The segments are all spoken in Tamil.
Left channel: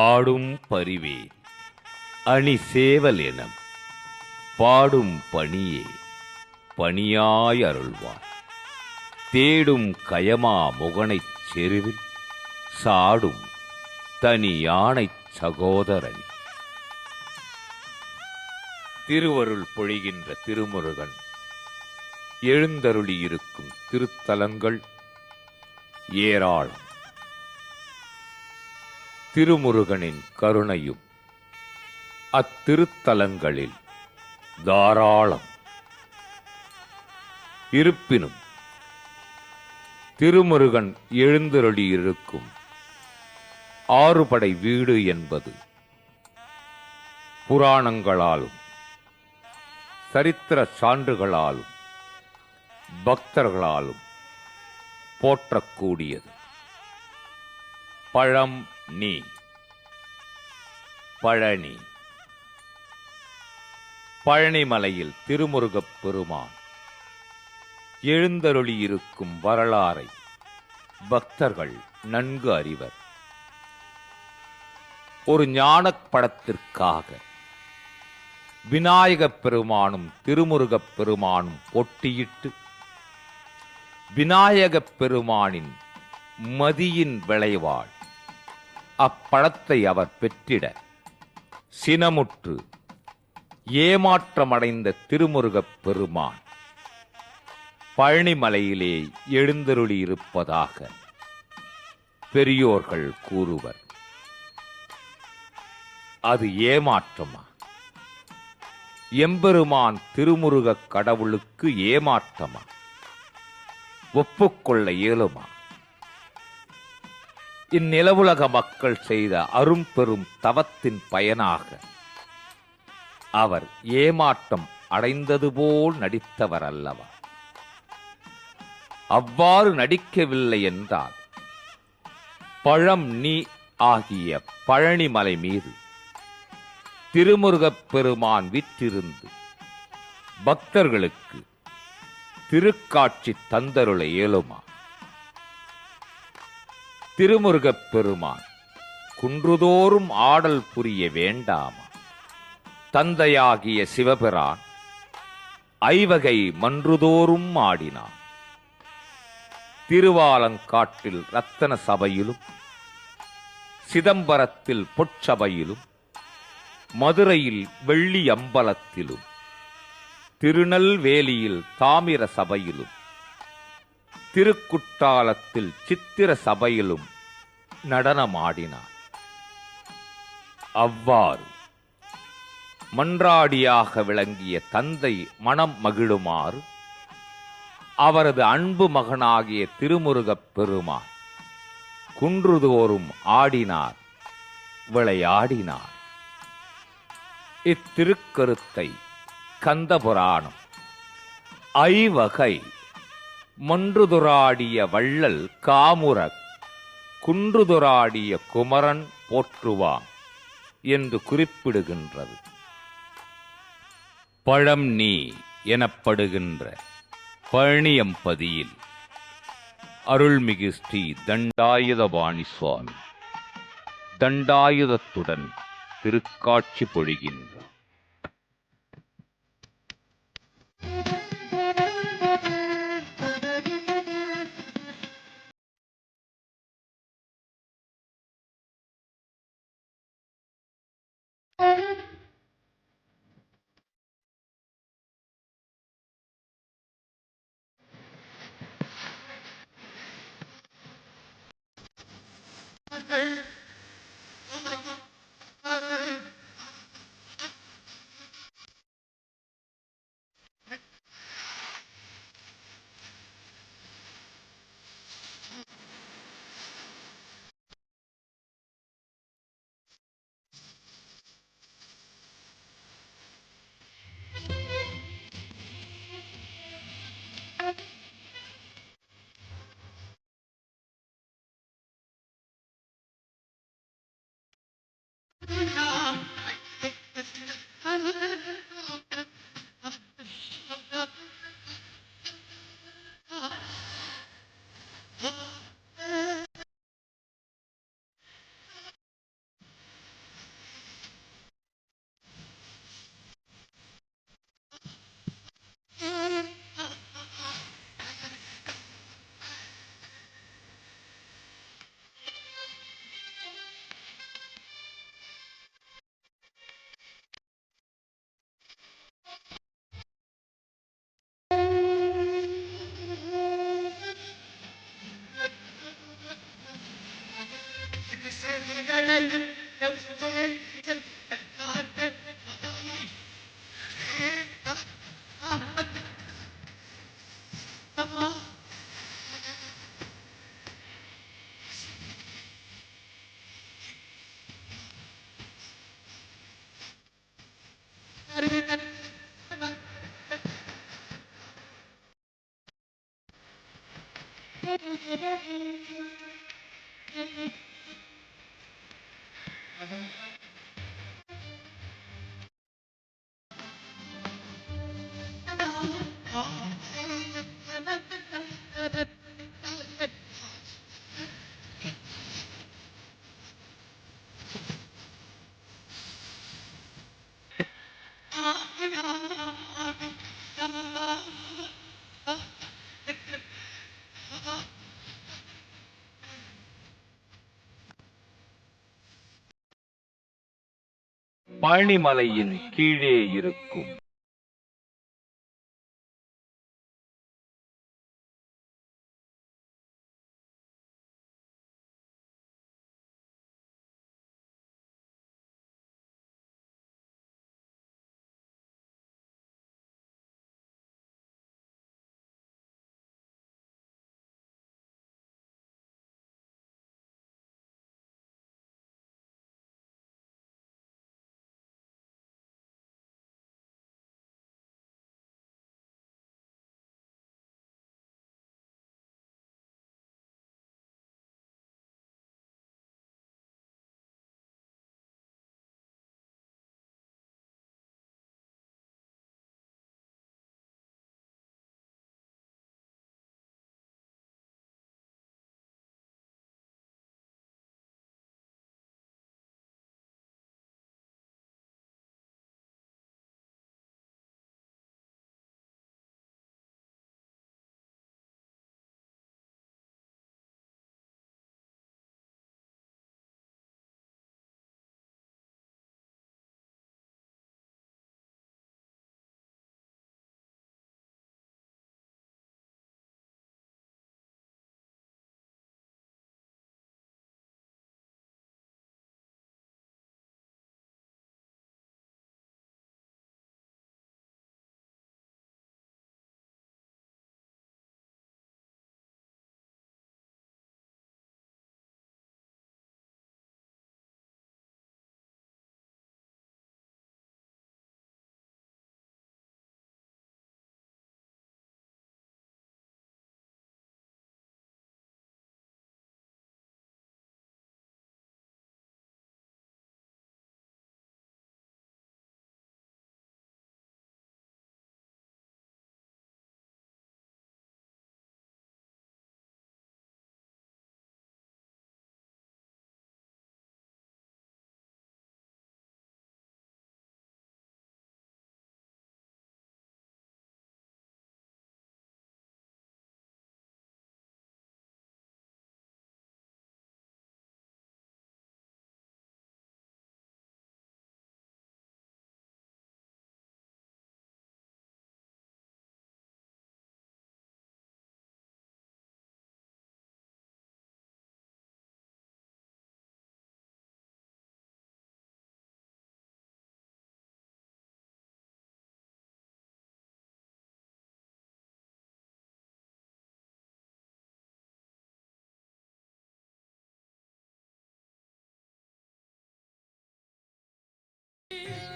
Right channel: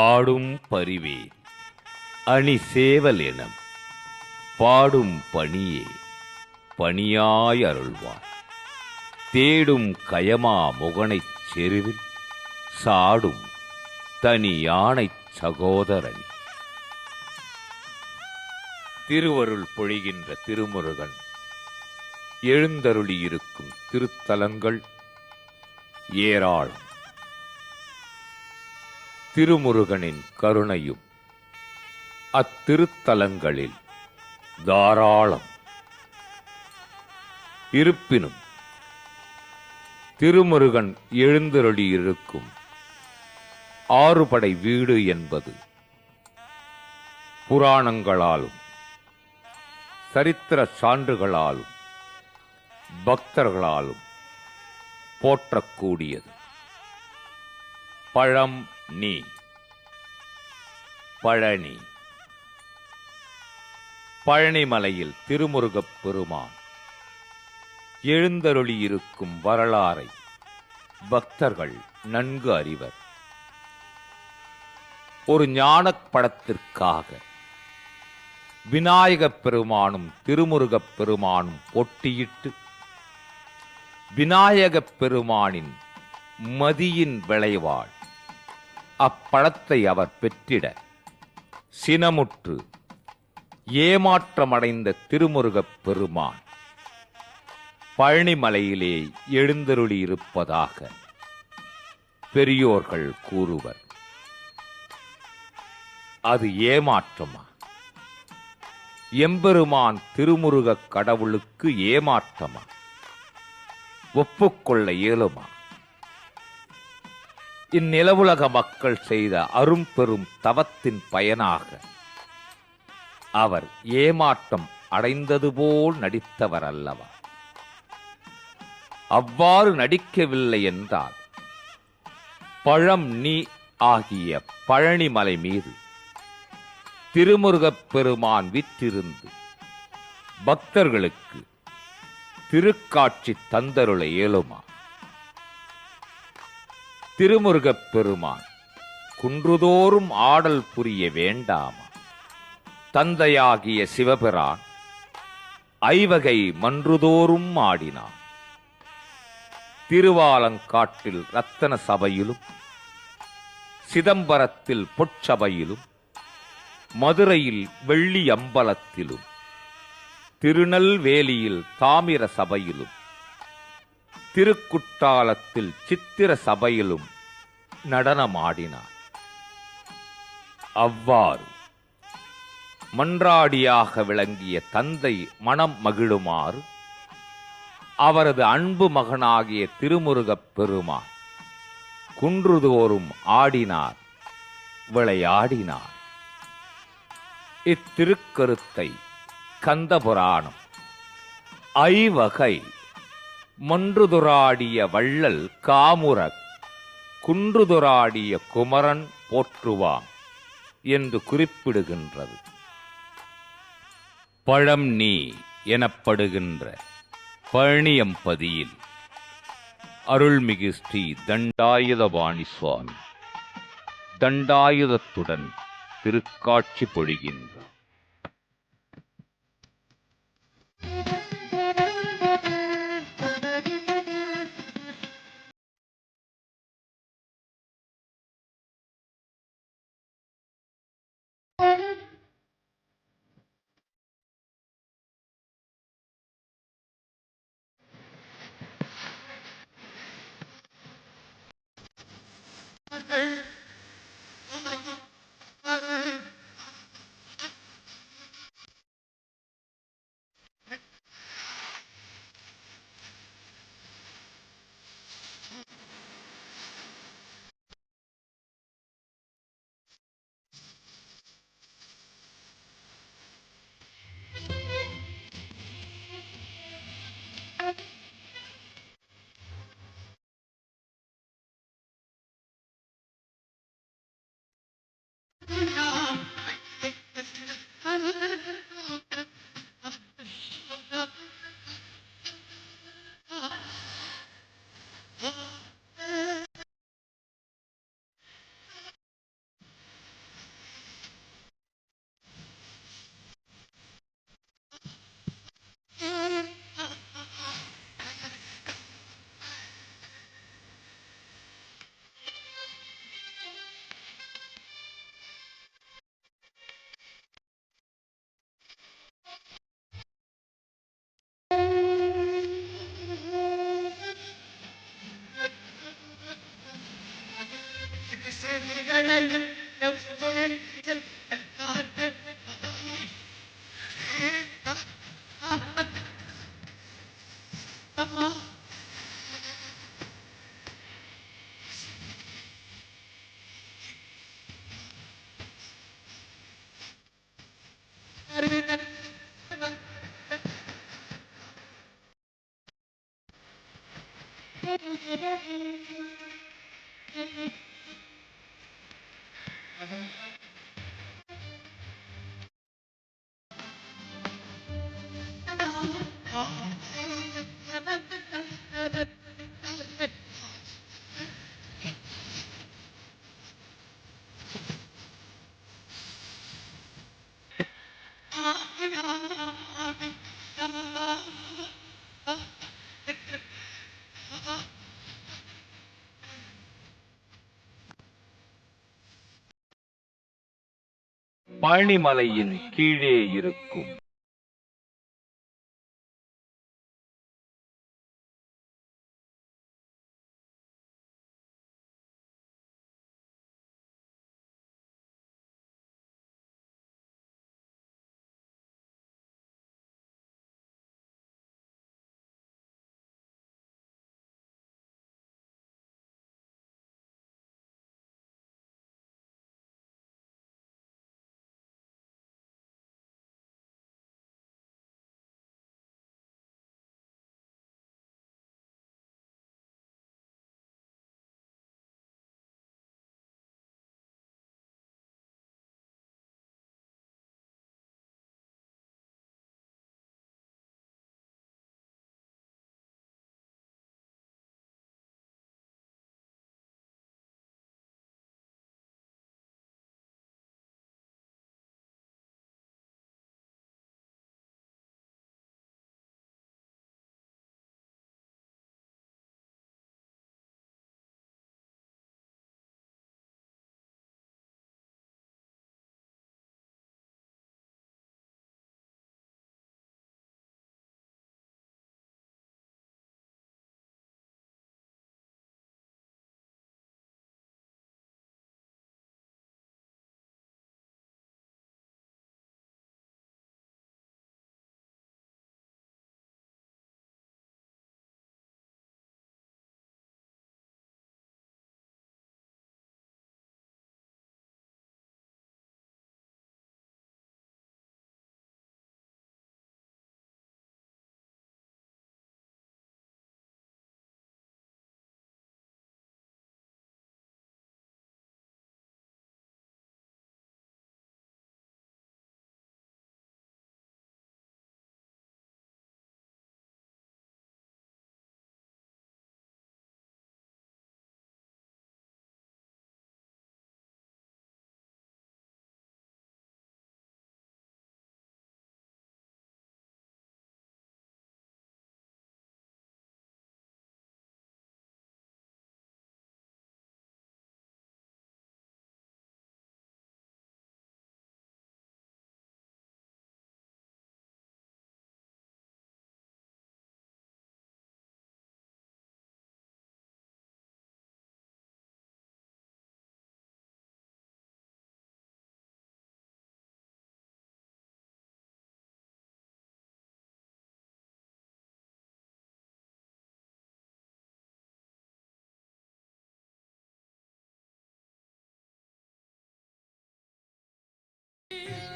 ஆடும் பரிவே அணி சேவல் எனம் பாடும் பணியே பணியாய் அருள்வார். தேடும் கயமா முகனைச் செருவில் சாடும் தனி யானைச் சகோதரனி. திருவருள் பொழிகின்ற திருமுருகன் எழுந்தருளியிருக்கும் திருத்தலங்கள் ஏராளம். திருமுருகனின் கருணையும் அத்திருத்தலங்களில் தாராளம். இருப்பினும் திருமுருகன் எழுந்தருளியிருக்கும் ஆறுபடை வீடு என்பது புராணங்களாலும் சரித்திர சான்றுகளாலும் பக்தர்களாலும் போற்றக்கூடியது. பழம் நீ பழனி. பழனிமலையில் திருமுருகப் பெருமான் எழுந்தருளியிருக்கும் வரலாறை பக்தர்கள் நன்கு அறிவர். ஒரு ஞானப் படத்திற்காக விநாயகப் பெருமானும் திருமுருகப் பெருமானும் போட்டியிட்டு விநாயகப் பெருமானின் மதியின் விளைவாள் அப்படத்தை அவர் பெற்றிட சினமுற்று ஏமாற்றமடைந்த திருமுருகப் பெருமான் பழனிமலையிலே எழுந்தருளியிருப்பதாக பெரியோர்கள் கூறுவர். அது ஏமாற்றமா? எம்பெருமான் திருமுருகக் கடவுளுக்கு ஏமாற்றமா? ஒப்புக்கொள்ள இயலுமா? இந்நிலவுலக மக்கள் செய்த அரும்பெரும் தவத்தின் பயனாக அவர் ஏமாற்றம் அடைந்தது போல் நடித்தவர் அல்லவா? அவ்வாறு நடிக்கவில்லை என்றால் பழம் நீ ஆகிய பழனிமலை மீது திருமுருகப் பெருமான் விற்றிருந்து பக்தர்களுக்கு திருக்காட்சி தந்தருள இயலுமா? திருமுருகப் பெருமான் குன்றுதோறும் ஆடல் புரிய வேண்டாமா? தந்தையாகிய சிவபிரான் ஐவகை மன்றுதோறும் ஆடினான். திருவாலங்காட்டில் ரத்தன சபையிலும் சிதம்பரத்தில் பொற்சபையிலும் மதுரையில் வெள்ளி அம்பலத்திலும் திருநெல்வேலியில் தாமிர சபையிலும் திருக்குட்டாலத்தில் சித்திர சபையிலும் நடனமாடினார். அவ்வாறு மன்றாடியாக விளங்கிய தந்தை மனம் மகிழுமாறு அவரது அன்பு மகனாகிய திருமுருகப் பெருமான் குன்றுதோறும் ஆடினார், விளையாடினார். இத்திருக்கருத்தை கந்தபுராணம் ஐவகை மன்றுதுராடிய வள்ளல் காமுரக் குன்றுதுராடிய குமரன் போற்றுவாம் என்று குறிப்பிடுகின்றது. பழம் நீ எனப்படுகின்ற பழனியம்பதியில் அருள்மிகு ஸ்ரீ தண்டாயுதபாணி சுவாமி தண்டாயுதத்துடன் திருக்காட்சி பொழிகின்றார். பழனிமலையின் கீழே இருக்கும்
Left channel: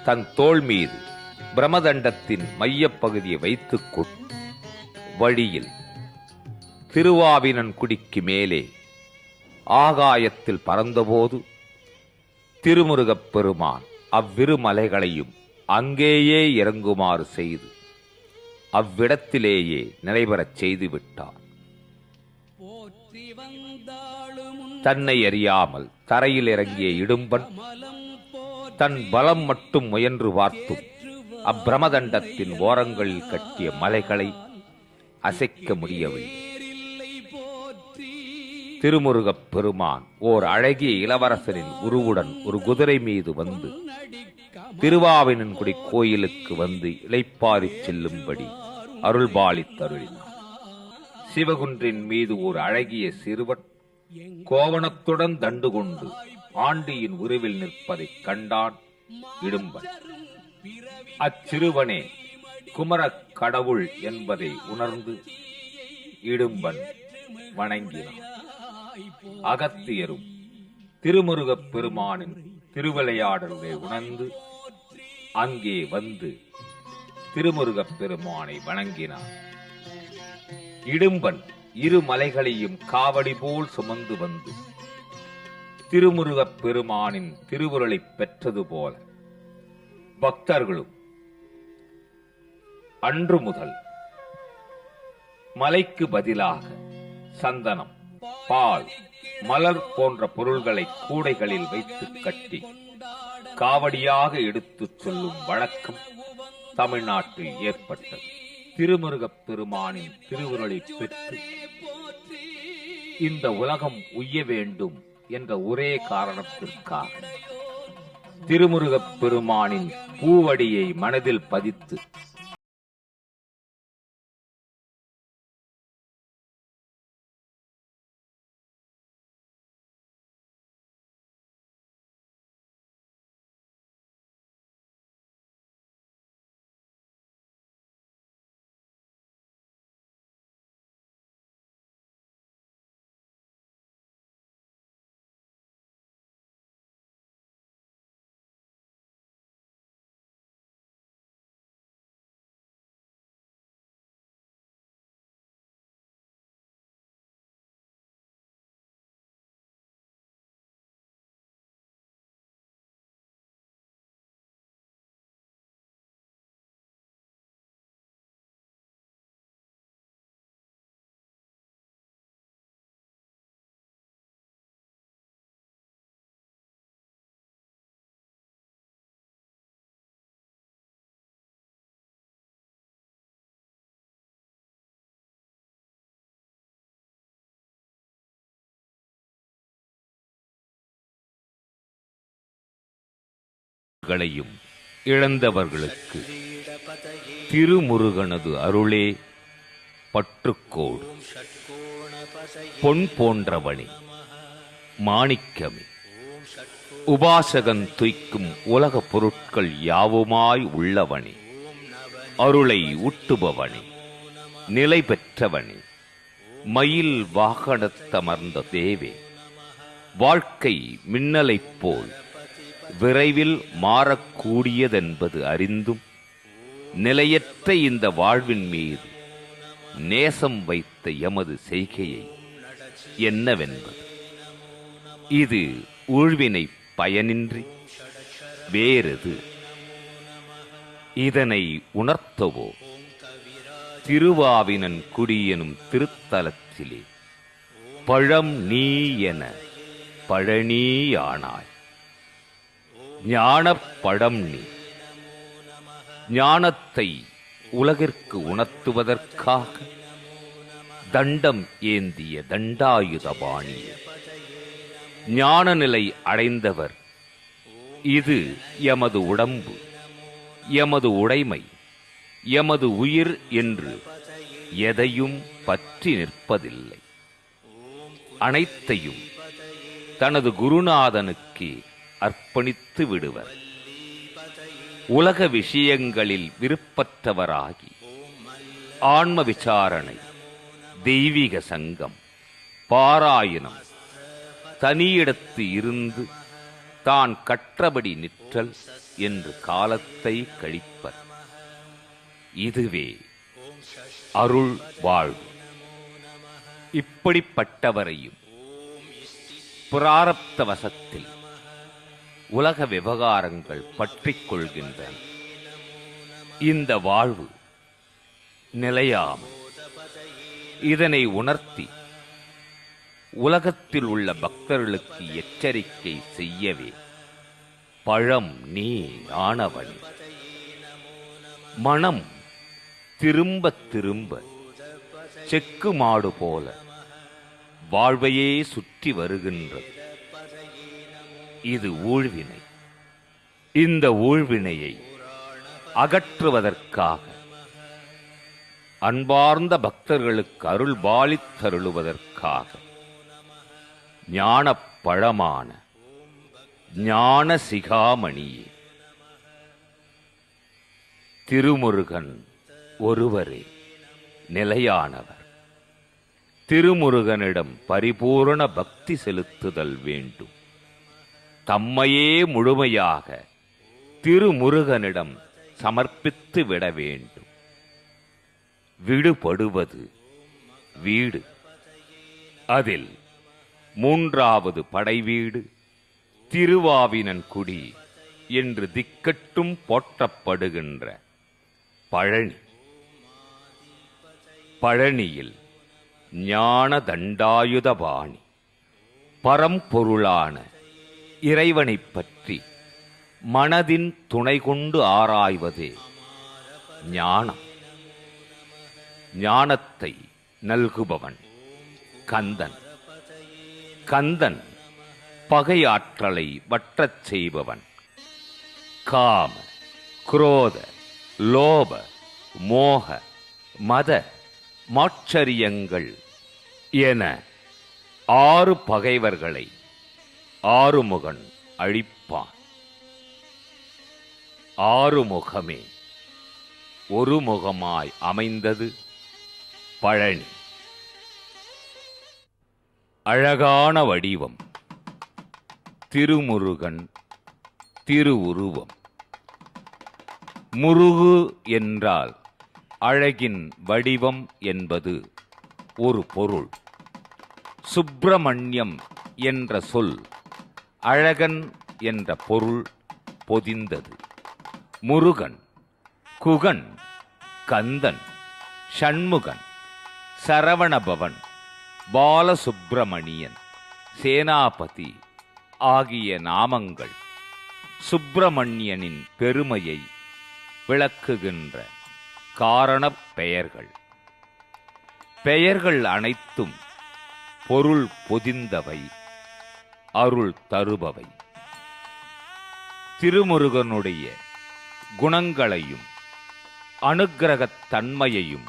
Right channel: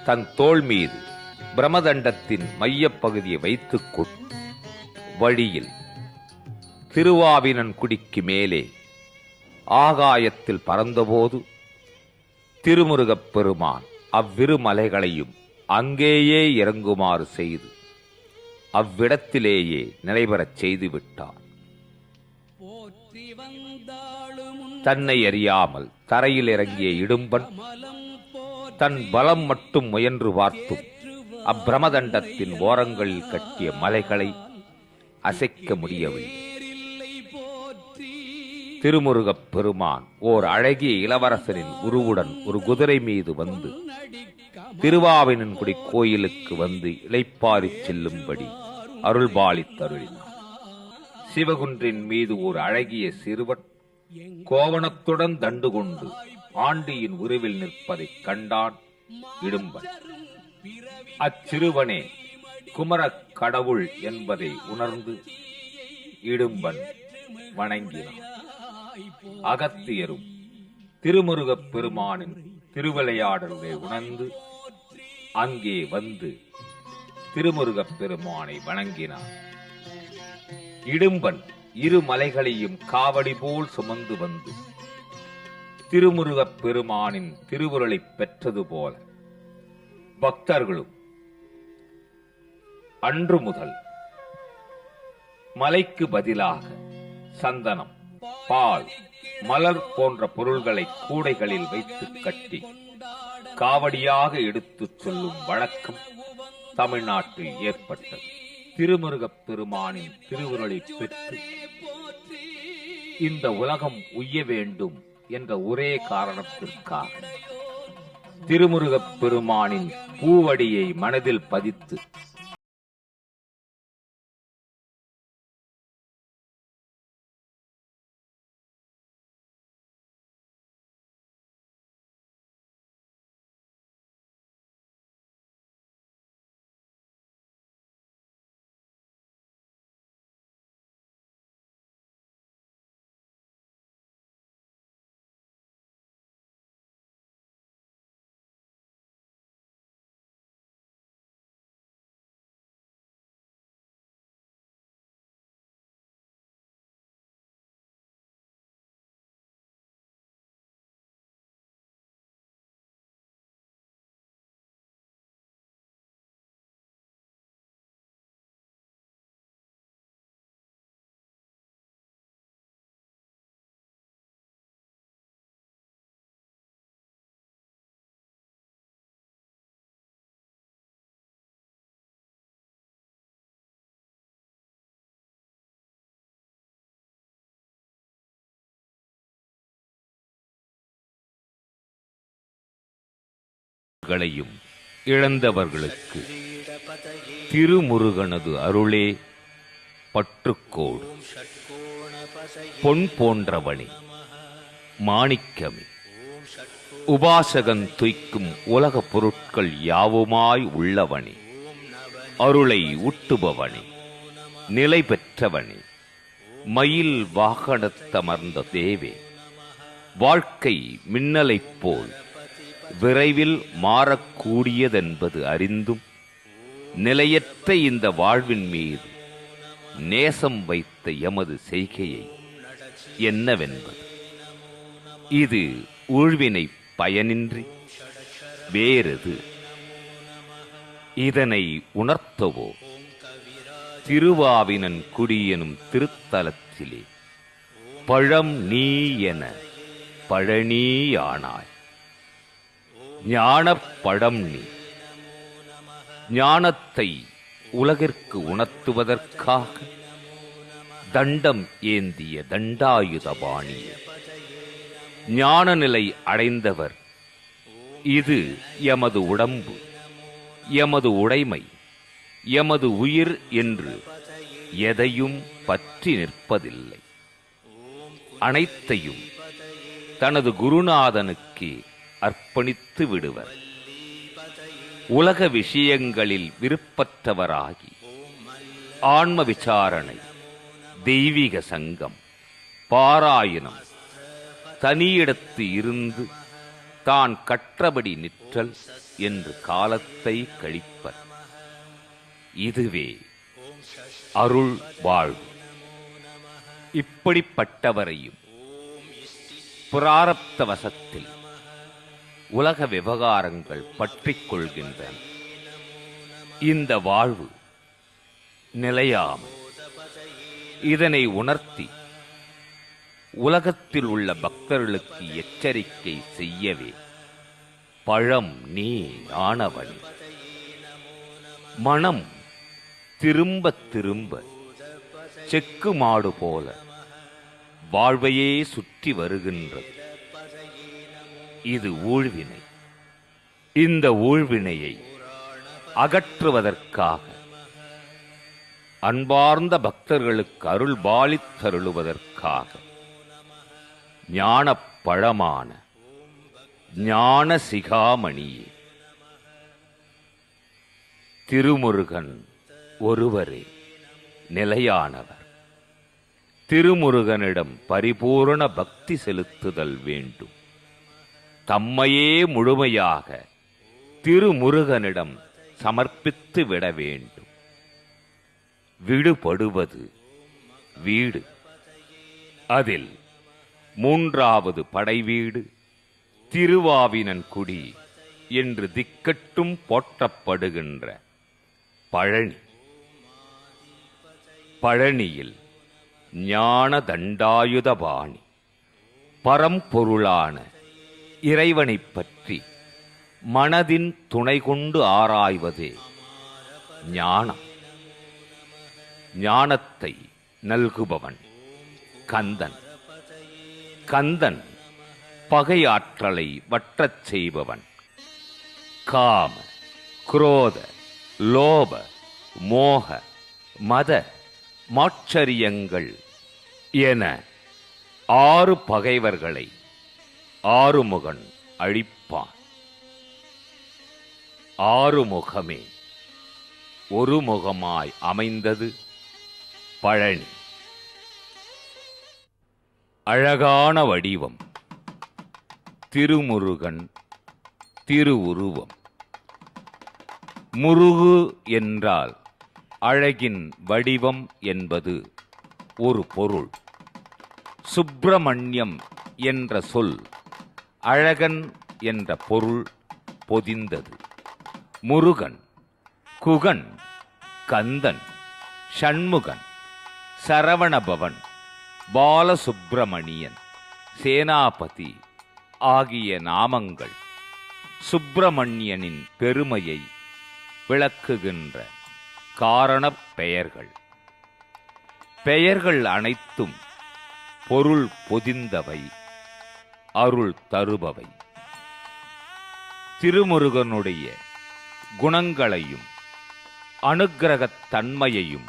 தன் தோள் மீது பிரமதண்டத்தின் மையப் பகுதியை வைத்துக் கொண்டு வழியில் திருவாவினன்குடிக்கு மேலே ஆகாயத்தில் பறந்தபோது திருமுருகப் பெருமான் அவ்விரு மலைகளையும் அங்கேயே இறங்குமாறு செய்து அவ்விடத்திலேயே நிலைபெறச் செய்து விட்டார். தன்னை அறியாமல் தரையில் இறங்கிய இடும்பன் தன் பலம் மட்டும் முயன்று பார்த்தும் அப்பிரமதண்டத்தின் ஓரங்களில் கட்டிய மலைகளை அசைக்க முடியவில்லை. திருமுருகப் பெருமான் ஓர் அழகிய இளவரசரின் உருவுடன் ஒரு குதிரை மீது வந்து திருவாவினன்குடி கோயிலுக்கு வந்து இளைப்பாறிச் செல்லும்படி அருள்பாலித்தருளினார். சிவகுன்றின் மீது ஒரு அழகிய சிறுவன் கோவணத்துடன் தண்டு கொண்டு ஆண்டியின் உருவில் நிற்பதைக் கண்டான் இடும்பன். அச்சிறுவனே குமரக் கடவுள் என்பதை உணர்ந்து இடும்பன் வணங்கினான். அகத்தியரும் திருமுருகப் பெருமானின் திருவிளையாடலை உணர்ந்து அங்கே வந்து திருமுருகப் பெருமானை வணங்கினார். இடும்பன் இரு மலைகளையும் காவடி போல் சுமந்து வந்து திருமுருகப் பெருமானின் திருவுருளை பெற்றது போல பக்தர்களும் அன்று முதல் மலைக்கு பதிலாக சந்தனம், பால், மலர் போன்ற பொருள்களை கூடைகளில் வைத்து கட்டி காவடியாக எடுத்துச் சொல்லும் வழக்கம் தமிழ்நாட்டில் ஏற்பட்டது. திருமுருகப் பெருமானின் திருவுருளை பெற்று இந்த உலகம் உய்ய வேண்டும் என்ற ஒரே காரணத்திற்காக திருமுருகப் பெருமானின் பூவடியை மனதில் பதித்து இழந்தவர்களுக்கு திருமுருகனது அருளே பற்றுக்கோடு. பொன் போன்றவனே, மாணிக்கமே, உபாசகன் துய்க்கும் உலக பொருட்கள் யாவுமாய் உள்ளவனே, அருளை ஊட்டுபவனே, நிலை பெற்றவனே, மயில் வாகனத்தமர்ந்த தேவே, வாழ்க்கை மின்னலைப் போல் விரைவில் மாறக்கூடியதென்பது அறிந்தும் நிலையற்ற இந்த வாழ்வின் மீது நேசம் வைத்த எமது செய்கையை என்னவென்பது? இது ஊழ்வினை பயனின்றி வேறெது? இதனை உணர்த்தவோ திருவாவினன் குடி எனும் திருத்தலத்திலே பழம் நீ என பழனியானாய். ஞானப் பழம் நீ. ஞானத்தை உலகிற்கு உணர்த்துவதற்காக தண்டம் ஏந்திய தண்டாயுதபாணியே, ஞான நிலை அடைந்தவர். இது எமது உடம்பு, எமது உடைமை, எமது உயிர் என்று எதையும் பற்றி நிற்பதில்லை. அனைத்தையும் தனது குருநாதனுக்கு அர்ப்பணித்து விடுவர். உலக விஷயங்களில் விருப்பற்றவராகி ஆன்ம விசாரணை, தெய்வீக சங்கம், பாராயணம், தனியிடத்து இருந்து தான் கற்றபடி நிற்றல் என்று காலத்தை கழிப்பர். இதுவே அருள் வாழ்வு. இப்படிப்பட்டவரையும் பிராரப்த வசத்தில் உலக விவகாரங்கள் பற்றிக் கொள்கின்றன. இந்த வாழ்வு நிலையாமல் இதனை உணர்த்தி உலகத்தில் உள்ள பக்தர்களுக்கு எச்சரிக்கை செய்யவே பழம் நீ ஆனவன். மனம் திரும்ப திரும்ப செக்கு மாடு போல வாழ்வையே சுற்றி வருகின்றது. இது ஊழ்வினை. இந்த ஊழ்வினையை அகற்றுவதற்காக அன்பார்ந்த பக்தர்களுக்கு அருள் பாலித்தருளுவதற்காக ஞானப் பழமான ஞான சிகாமணியே. திருமுருகன் ஒருவரே நிலையானவர். திருமுருகனிடம் பரிபூரண பக்தி செலுத்துதல் வேண்டும். தம்மையே முழுமையாக திருமுருகனிடம் சமர்ப்பித்து விட வேண்டும். விடுபடுவது வீடு. அதில் மூன்றாவது படைவீடு திருவாவினன்குடி என்று திக்கட்டும் போற்றப்படுகின்ற பழனி. பழனியில் ஞான தண்டாயுதபாணி பரம்பொருளான இறைவனைப் பற்றி மனதின் துணை கொண்டு ஆராய்வதே ஞானம். ஞானத்தை நல்குபவன் கந்தன். கந்தன் பகையாற்றலை வற்றச் செய்பவன். காம, குரோத, லோப, மோக, மத, மாச்சரியங்கள் என 6 பகைவர்களை ஆறுமுகன் அழிப்பான். ஆறுமுகமே ஒரு முகமாய் அமைந்தது பழனி. அழகான வடிவம் திருமுருகன் திருவுருவம். முருகு என்றால் அழகின் வடிவம் என்பது ஒரு பொருள். சுப்பிரமணியம் என்ற சொல் அழகன் என்ற பொருள் பொதிந்தது. முருகன், குகன், கந்தன், ஷண்முகன், சரவணபவன், பாலசுப்பிரமணியன், சேனாபதி ஆகிய நாமங்கள் சுப்பிரமணியனின் பெருமையை விளக்குகின்ற காரணப் பெயர்கள். பெயர்கள் அனைத்தும் பொருள் பொதிந்தவை, அருள் தருபவை. திருமுருகனுடைய குணங்களையும் அனுக்கிரகத் தன்மையையும்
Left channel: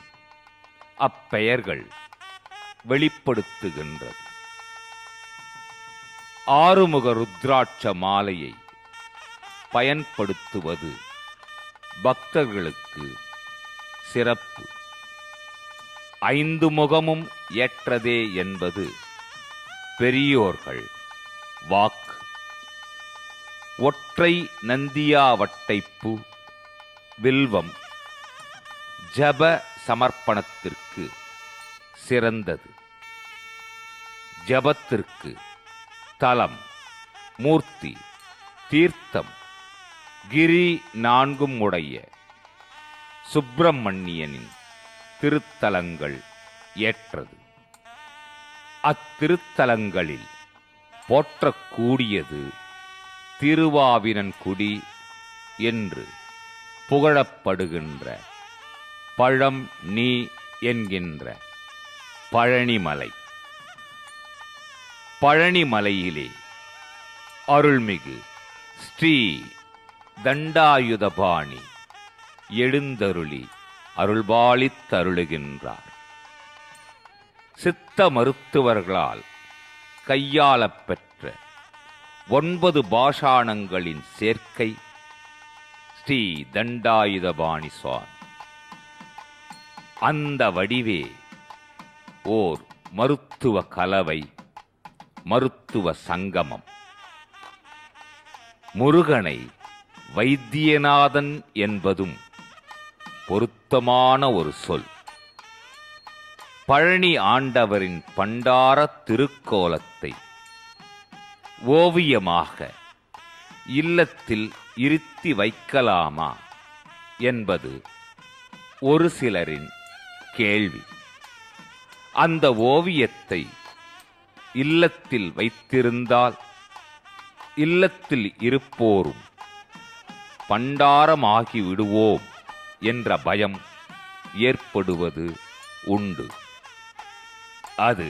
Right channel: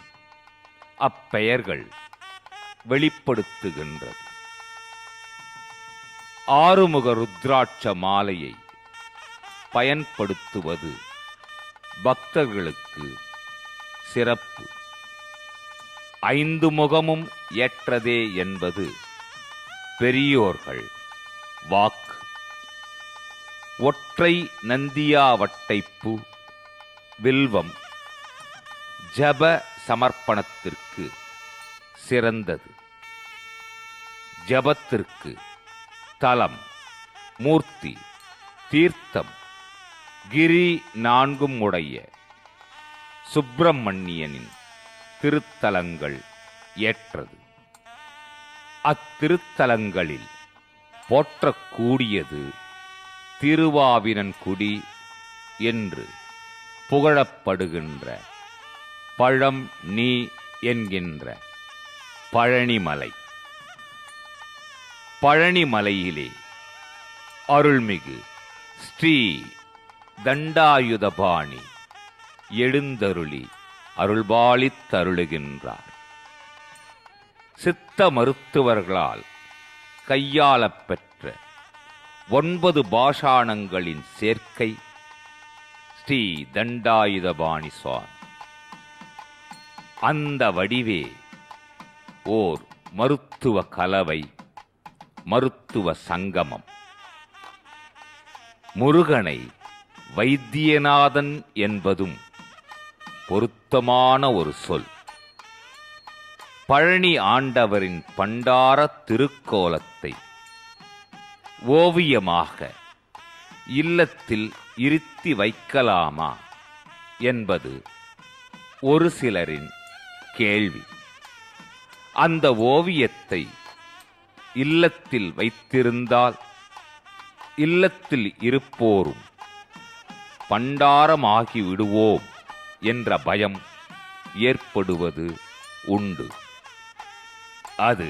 அப்பெயர்கள் வெளிப்படுத்துகின்றது. ஆறுமுக ருத்ராட்ச மாலையை பயன்படுத்துவது பக்தர்களுக்கு சிறப்பு. 5 முகமும் ஏற்றதே என்பது பெரியோர்கள் வாக்கு. ஒற்றை நந்தியாவட்டைப்பூ, வில்வம் ஜப சமர்ப்பணத்திற்கு சிறந்தது. ஜபத்திற்கு தலம், மூர்த்தி, தீர்த்தம், கிரி 4ம் உடைய சுப்பிரமணியனின் திருத்தலங்கள் ஏற்றது. அத்திருத்தலங்களில் போற்றக்கூடியது திருவாவினன்குடி என்று புகழப்படுகின்ற பழம் நீ என்கின்ற பழனிமலை. பழனிமலையிலே அருள்மிகு ஸ்ரீ தண்டாயுதபாணி எழுந்தருளி அருள்பாலித்தருளுகின்றார். சித்த மருத்துவர்களால் கையாளப் பெற்ற 9 பாஷாணங்களின் சேர்க்கை ஸ்ரீ தண்டாயுதபாணி சுவாமி. அந்த வடிவே ஓர் மருத்துவ கலவை, மருத்துவ சங்கமம். முருகனை வைத்தியநாதன் என்பதும் பொருத்தமான ஒரு சொல். பழனி ஆண்டவரின் பண்டார திருக்கோலத்தை ஓவியமாக இல்லத்தில் இருத்தி வைக்கலாமா என்பது ஒரு சிலரின் கேள்வி. அந்த ஓவியத்தை இல்லத்தில் வைத்திருந்தால் இல்லத்தில் இருப்போரும் பண்டாரமாகி விடுவோம் என்ற பயம் ஏற்படுவது உண்டு. அது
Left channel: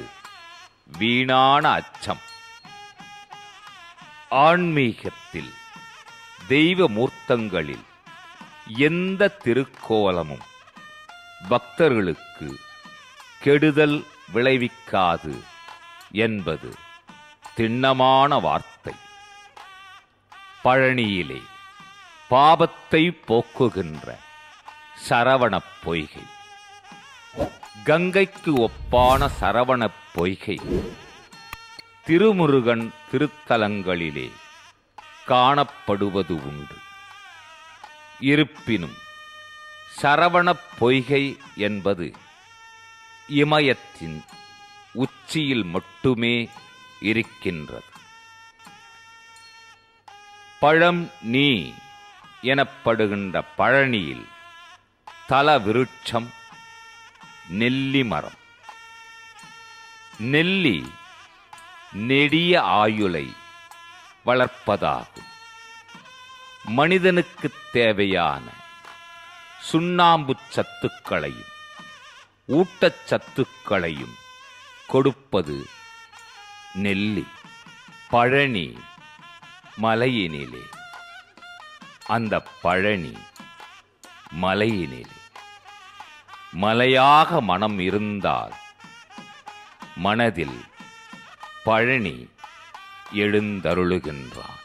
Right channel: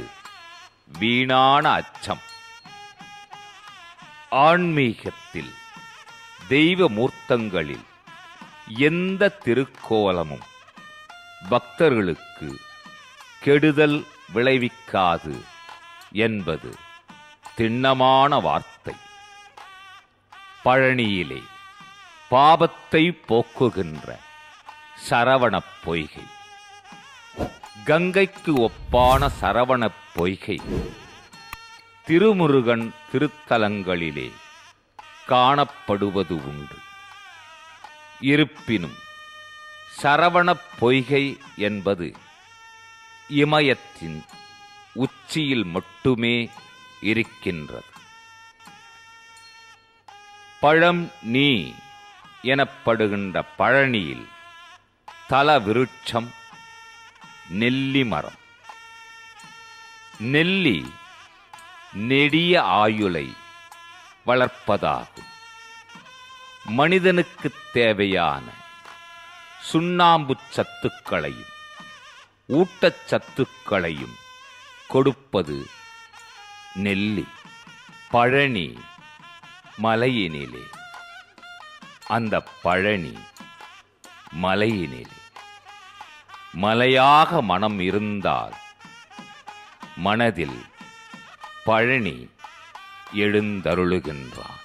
வீணான அச்சம். ஆன்மீகத்தில் தெய்வ மூர்த்தங்களில் எந்த திருக்கோலமும் பக்தர்களுக்கு கெடுதல் விளைவிக்காது என்பது திண்ணமான வார்த்தை. பழனியிலே பாபத்தை போக்குகின்ற சரவணப் பொய்கை. கங்கைக்கு ஒப்பான சரவணப் பொய்கை திருமுருகன் திருத்தலங்களிலே காணப்படுவது உண்டு. இருப்பினும் சரவணப் பொய்கை என்பது இமயத்தின் உச்சியில் மட்டுமே இருக்கின்றது. பழம் நீ எனப்படுகின்ற பழனியில் தல விருட்சம் நெல்லி மரம். நெல்லி நெடிய ஆயுளை வளர்ப்பதாகும். மனிதனுக்குத் தேவையான சுண்ணாம்புச் சத்துக்களையும் ஊட்டச்சத்துக்களையும் கொடுப்பது நெல்லி. பழனி மலையினிலே, அந்த பழனி மலையினிலே மலையாக மனம் இருந்தால் மனதில் பழனி எழுந்தருளுகின்றான்.